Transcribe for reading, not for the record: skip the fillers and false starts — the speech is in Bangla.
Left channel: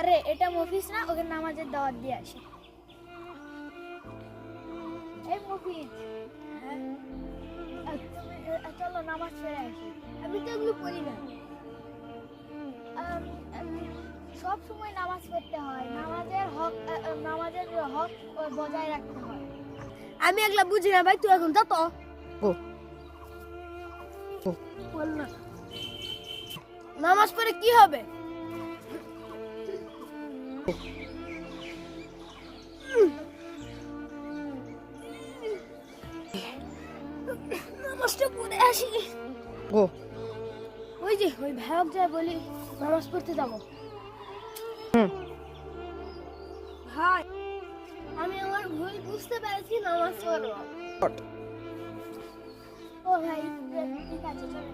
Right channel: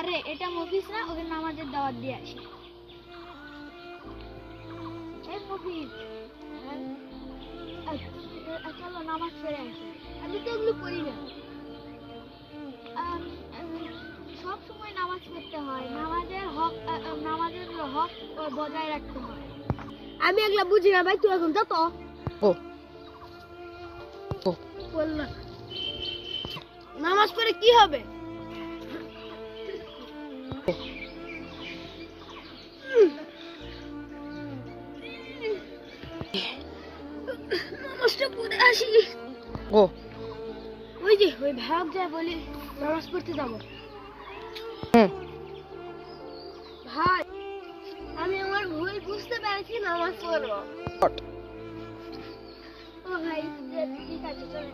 আরে এটা মফিজ না, ওকে নামাজের দাওয়াত দিয়ে আসি। এই মফিজ, চলো নামাজ পড়ে আসি। আমি তো এগুলো পড়ি না। সব সময় নামাজ পড়তে হয়, নামাজের হক বজায় রাখতে হয়। আমি এগুলা বুঝি না ভাই, তুই এখন যা তো। বল না, নামাজ পড়ে কি হবে? নামাজটা পড়ে আসি। ওই যে ওই ভাগ যায় বলি নামাজ পড়তে যাবো। ভাই আমি আমার ভুল বুঝতে পেরেছি, নামাজ পড়বো। ও ভাই ঠিক আছে চলো।